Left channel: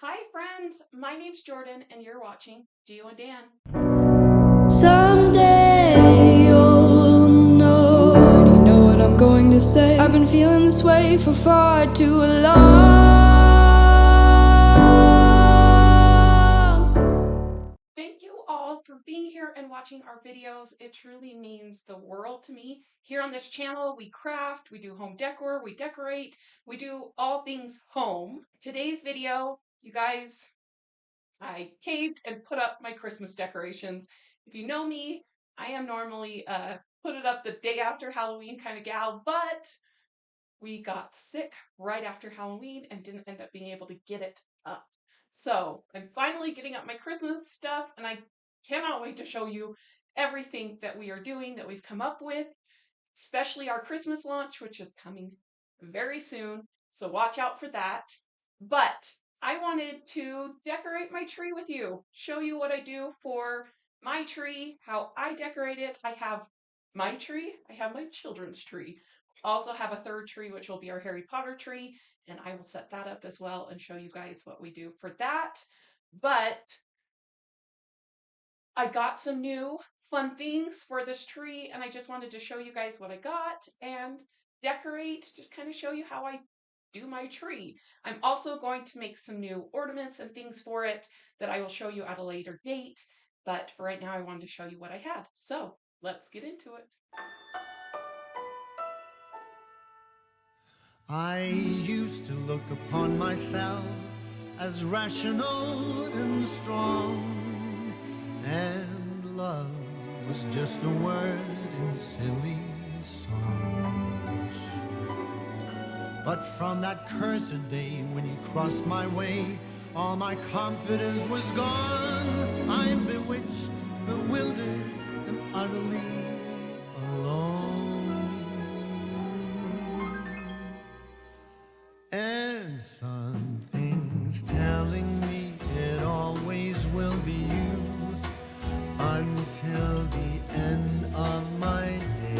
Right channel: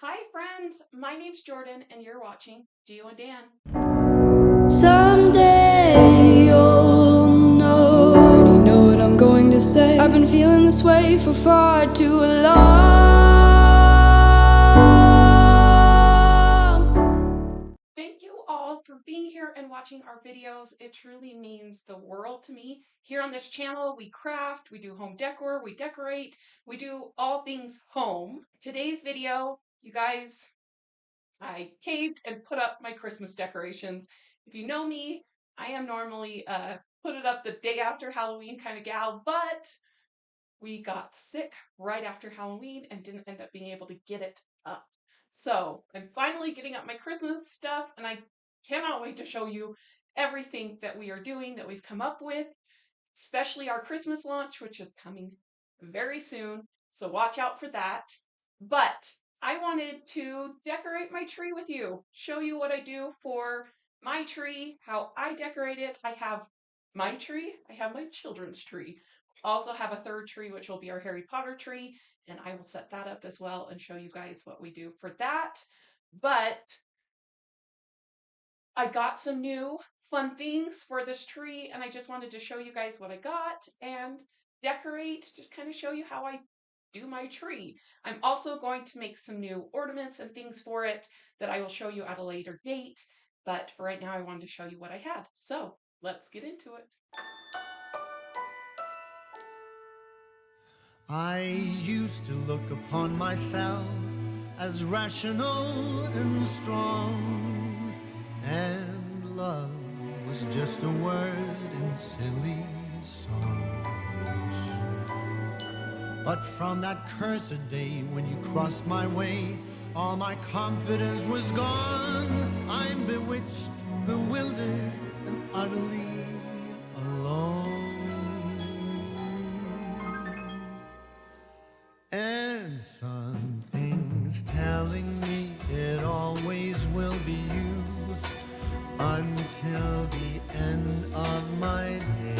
Hi friends, my name's Jordan and you're watching Gio and Dan. Someday you'll know. Already know what I'm going to say. I've been feeling this way for far too long. Thank you all for being here and watching our videos. It truly means the world to me. Here on this channel, we craft, we do home decor, we decorate, we do all things home. Today's video, you guys, I taped and put up my Christmas decorations. If you know me, I am normally put it up the day after Halloween kind of gal, but we got sick right after Halloween and didn't end up being able to get it up. So I'm finally getting up my Christmas stuff, and I cannot wait to show you everything that we are doing that we've come up with, especially our Christmas launch, which is coming very soon. So watch out for that. But I wanted to decorate my tree with you, show you what I do for my tree, how I decorate it. I have my tree, I have my children's tree. I also have a third tree, which will be our Harry Potter tree, and I will set that up as well and show you guys what we do for that. But I got some new fun things for this tree, and I just wanted to show you guys what I got and decorate, just kind of show you how I do my tree. I'm also going to make some new ornaments and things for it that I will show you at a later date, but for right now I wanted to show you what I had. So let's get into it. I used to look upon myself as rational and strong, and love was just a word in silly songs. But from that cursed day when you crossed my way, all my confidence was gone. I'm bewitched, bewildered, and utterly alone. And something's telling me it always will be you until the end of my days.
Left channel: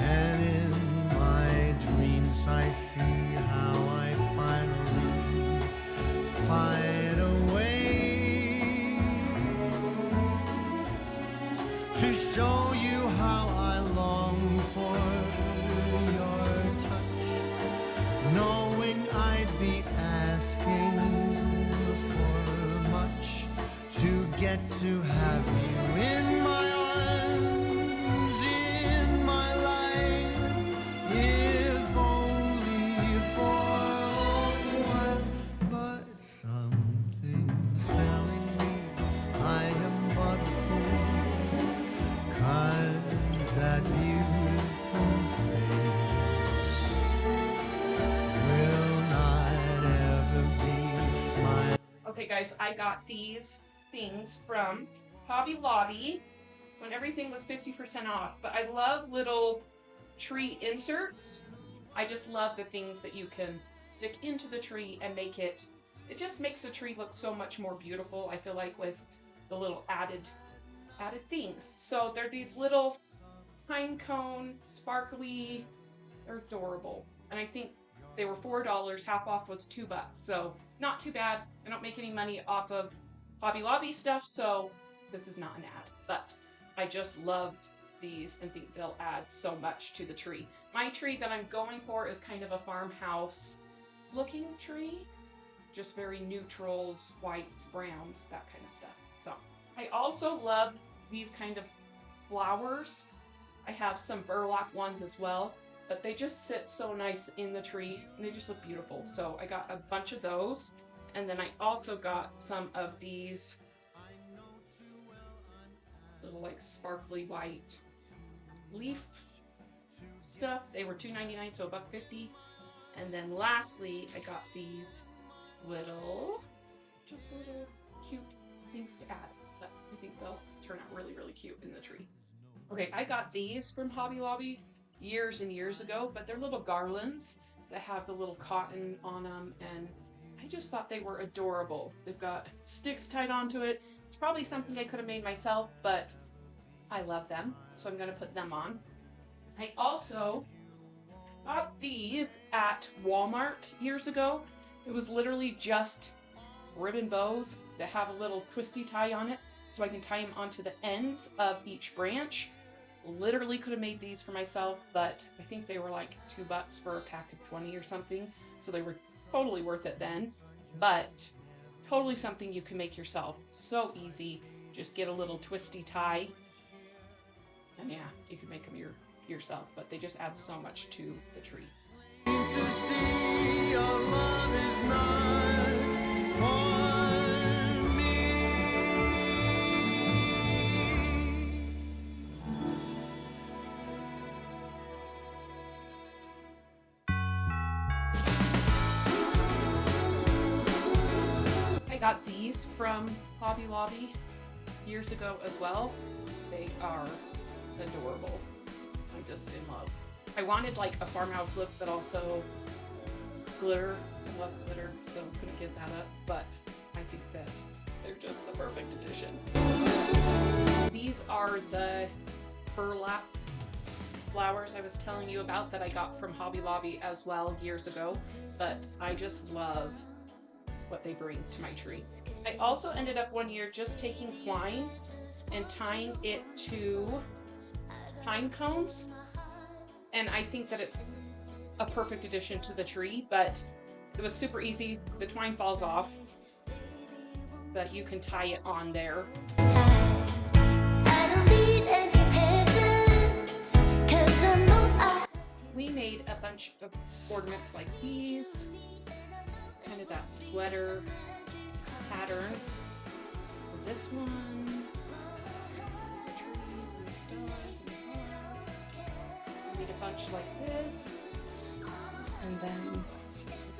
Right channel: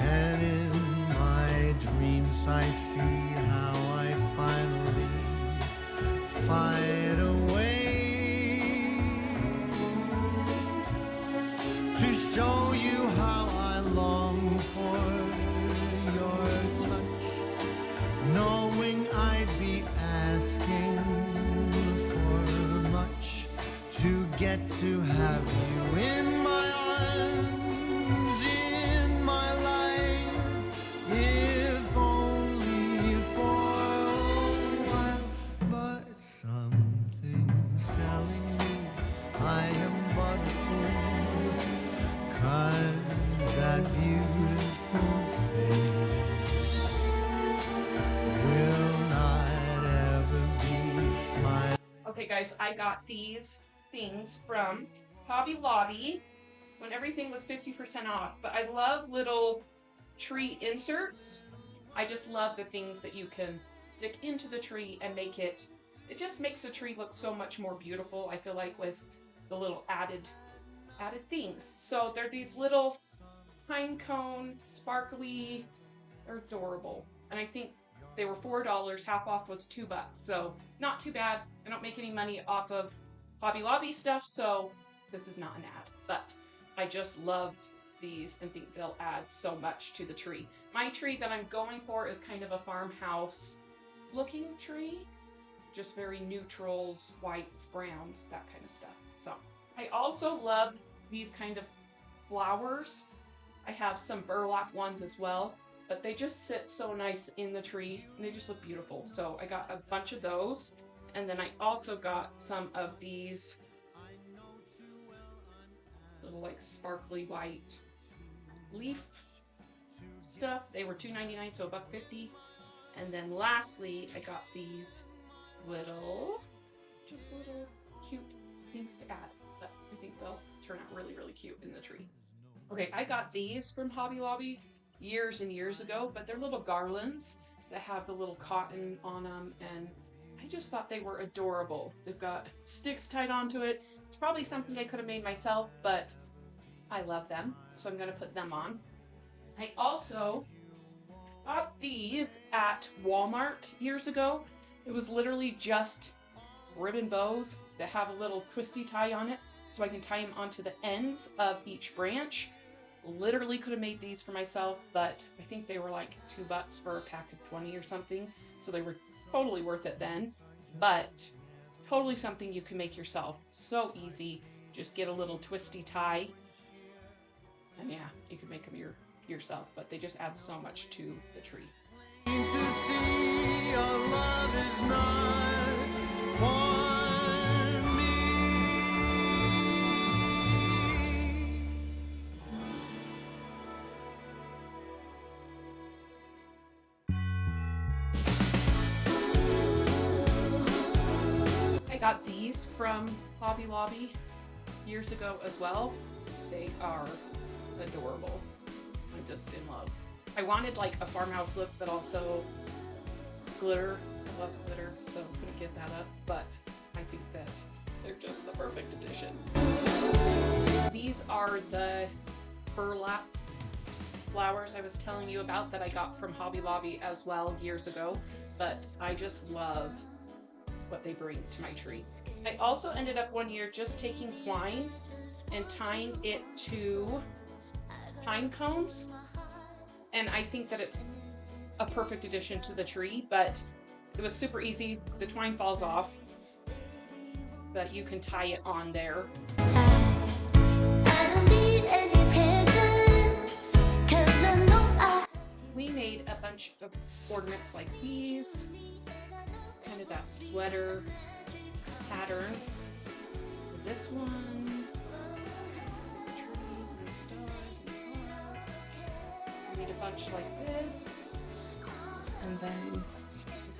And in my dreams I see how I finally find a way to show you how I long for your touch, knowing I'd be asking for much to get to have you in my arms, in my life, if only for a while. But something's telling me I am but a fool, 'cause that beautiful face will not ever be smiling. Okay guys, I got these things from Hobby Lobby when everything was 50% off, but I love little tree inserts. I just love the things that you can stick into the tree and make it, it just makes the tree look so much more beautiful, I feel like, with the little added things. So they're these little pine cone, sparkly, they're adorable. And I think they were $4, half off was $2, so not too bad. I don't make any money off of Hobby Lobby stuff, so this is not an ad. But I just loved these and think they'll add so much to the tree. My tree that I'm going for is kind of a farmhouse looking tree. Just very neutrals, whites, browns, that kind of stuff. So I also love these kind of flowers. I have some burlap ones as well, but they just sit so nice in the tree and they just look beautiful. So I got a bunch of those. And then I also got some of these little like sparkly white leaf stuff. They were $2.99, so $1.50. And then lastly, I got these little cute things to add. But I think they'll turn out really, really cute in the tree. Okay, I got these from Hobby Lobby years and years ago, but they're little garlands that have a little cotton on them, and I just thought they were adorable. They've got sticks tied onto it. It's probably something I could have made myself, but I love them, so I'm going to put them on. I also got these at Walmart years ago, It was literally just ribbon bows that have a little twisty tie on it, so I can tie them onto the ends of each branch. Literally could have made these for myself, but I think they were like $2 for a pack of 20 or something, so they were totally worth it then. But totally something you can make yourself. So easy. Just get a little twisty tie. And yeah, you can make them yourself, but they just add so much to the tree. To see your love is not for me. I got these from Hobby Lobby years ago as well. They are adorable. I'm just in love. I wanted like a farmhouse look, but also glitter. I love glitter, so I'm gonna get that up. But I think that they're just the perfect addition. These are the burlap flowers I was telling you about that I got from Hobby Lobby as well years ago. But I just love what they bring to my tree. I also ended up one year just taking twine and tying it to pine cones. And I think that it's a perfect addition to the tree, but it was super easy. The twine falls off, but you can tie it on there. We made a bunch of ornaments like these, kind of that sweater pattern. This one, trees and stars and clouds. We made a bunch like this. And then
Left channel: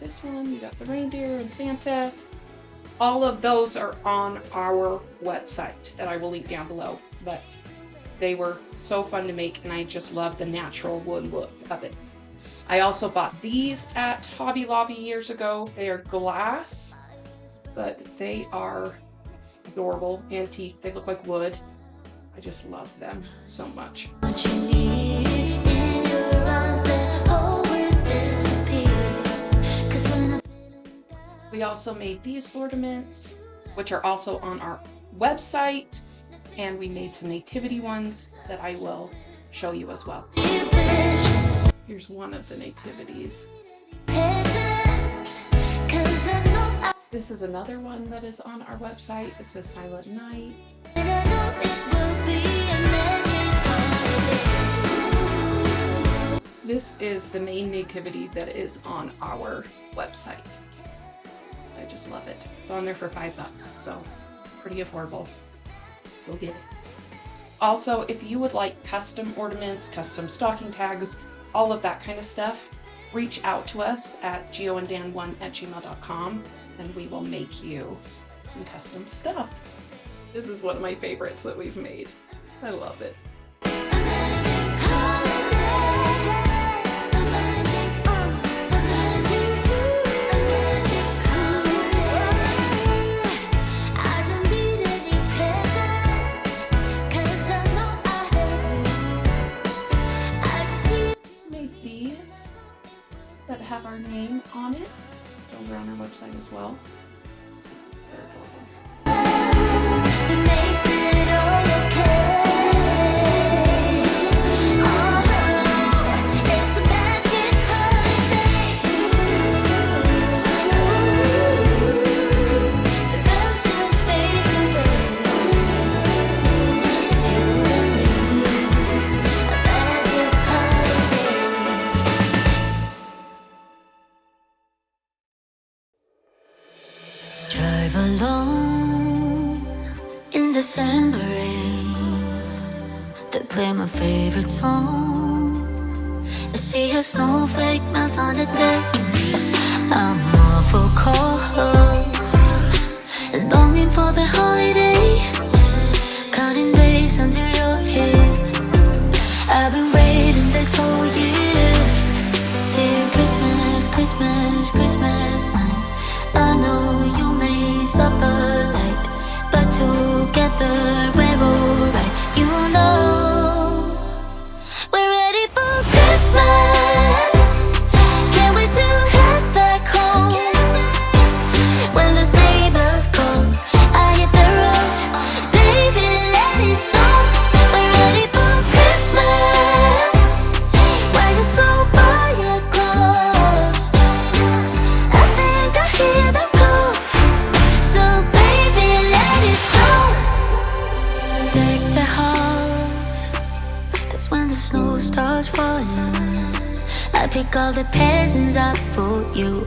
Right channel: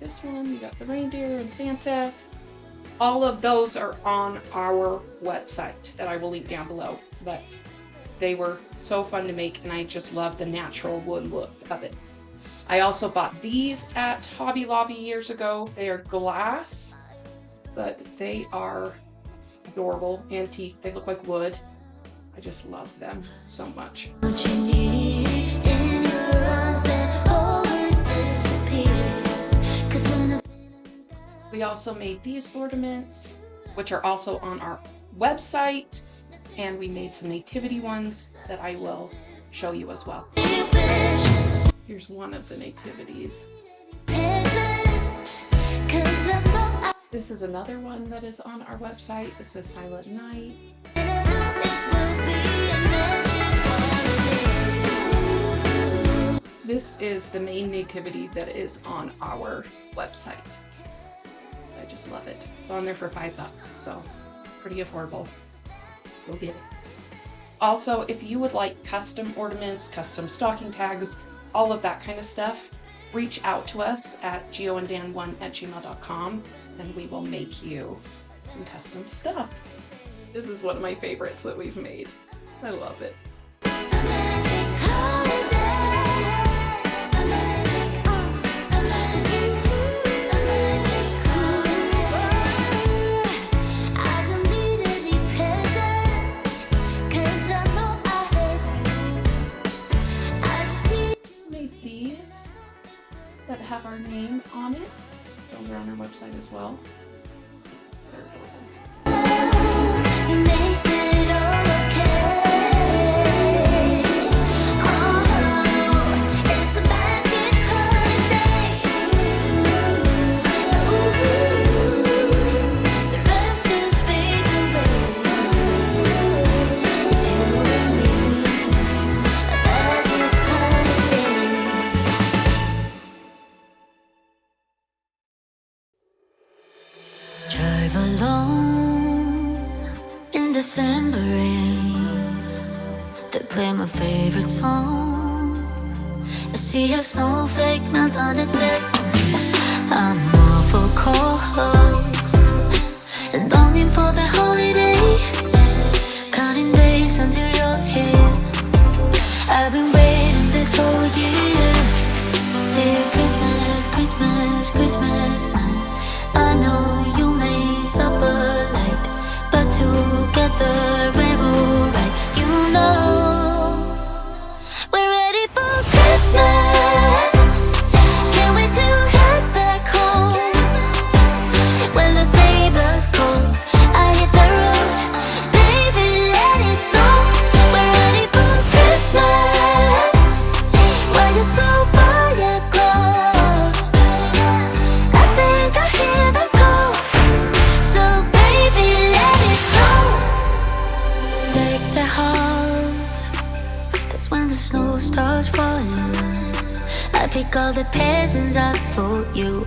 this one, we got the reindeer and Santa. All of those are on our website that I will link down below. But they were so fun to make, and I just love the natural wood look of it. I also bought these at Hobby Lobby years ago. They are glass, but they are adorable. They have teeth. They look like wood. I just love them so much. What you need in your eyes, that whole world disappears. 'Cause when I'm feeling down. We also made these ornaments, which are also on our website, and we made some nativity ones that I will show you as well. Here's one of the nativities. This is another one that is on our website. It says Silent Night. This is the main nativity that is on our website. I just love it. It's on there for $5, so pretty affordable. Go get it. Also, if you would like custom ornaments, custom stocking tags, all of that kind of stuff, reach out to us at geoanddan1@gmail.com and we will make you some custom stuff. This is one of my favorites that we've made. I love it. That have our name on it. Those are on our website as well. They're adorable. Drive alone in December rain. They play my favorite song. I see a snowflake melt on the deck. I'm awful cold and longing for the holiday. Counting days until you're here. I've been waiting this whole year. Dear Christmas, Christmas, Christmas night. I know you may stop a light, but together we're alright. You know we're ready for Christmas. Can't wait to head back home. pick all the presents up for you.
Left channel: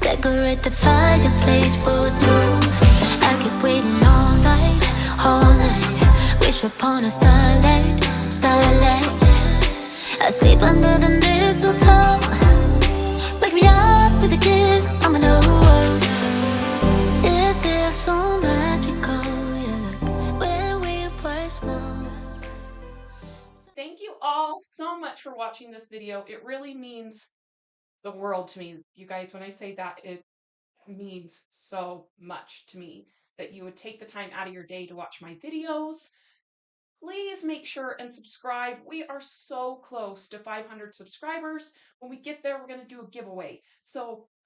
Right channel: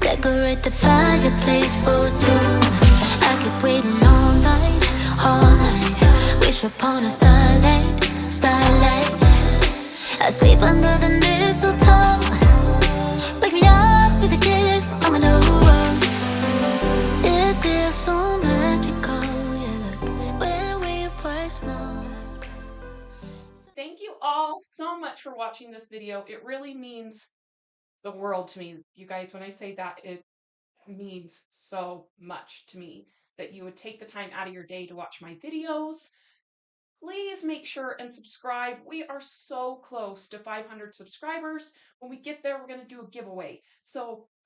Decorate the fireplace for two. I keep waiting all night, all night. Wish upon a starlight, starlight. I sleep under the mistletoe. Wake me up with a kiss on my nose. It feels so magical, yeah, look where we were small. Thank you all so much for watching this video. It really means the world to me. You guys, when I say that, it means so much to me that you would take the time out of your day to watch my videos. Please make sure and subscribe. We are so close to 500 subscribers. When we get there, we're going to do a giveaway. So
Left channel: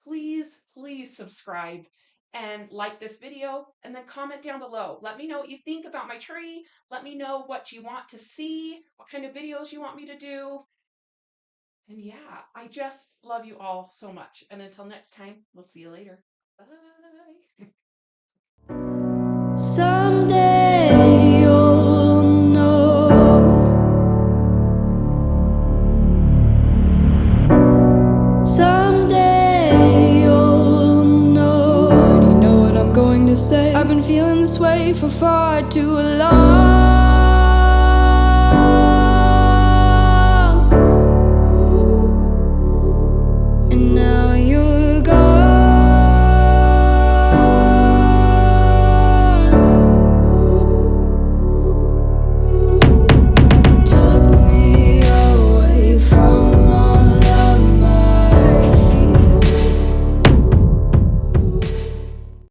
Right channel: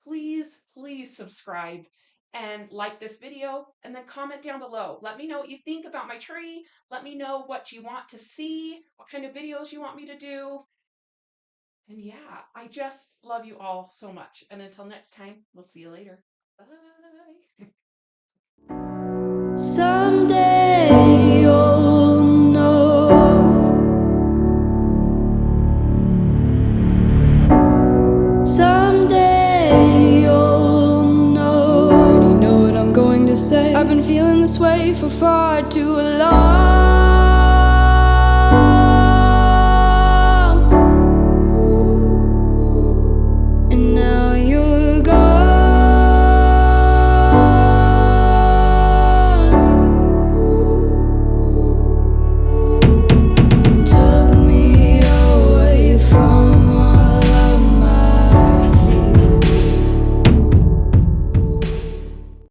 please, please subscribe and like this video, and then comment down below. Let me know what you think about my tree. Let me know what you want to see, what kind of videos you want me to do. And yeah, I just love you all so much. And until next time, we'll see you later. Bye. Someday you'll know. Someday you'll know. You know what I'm going to say. I've been feeling this way for far too long.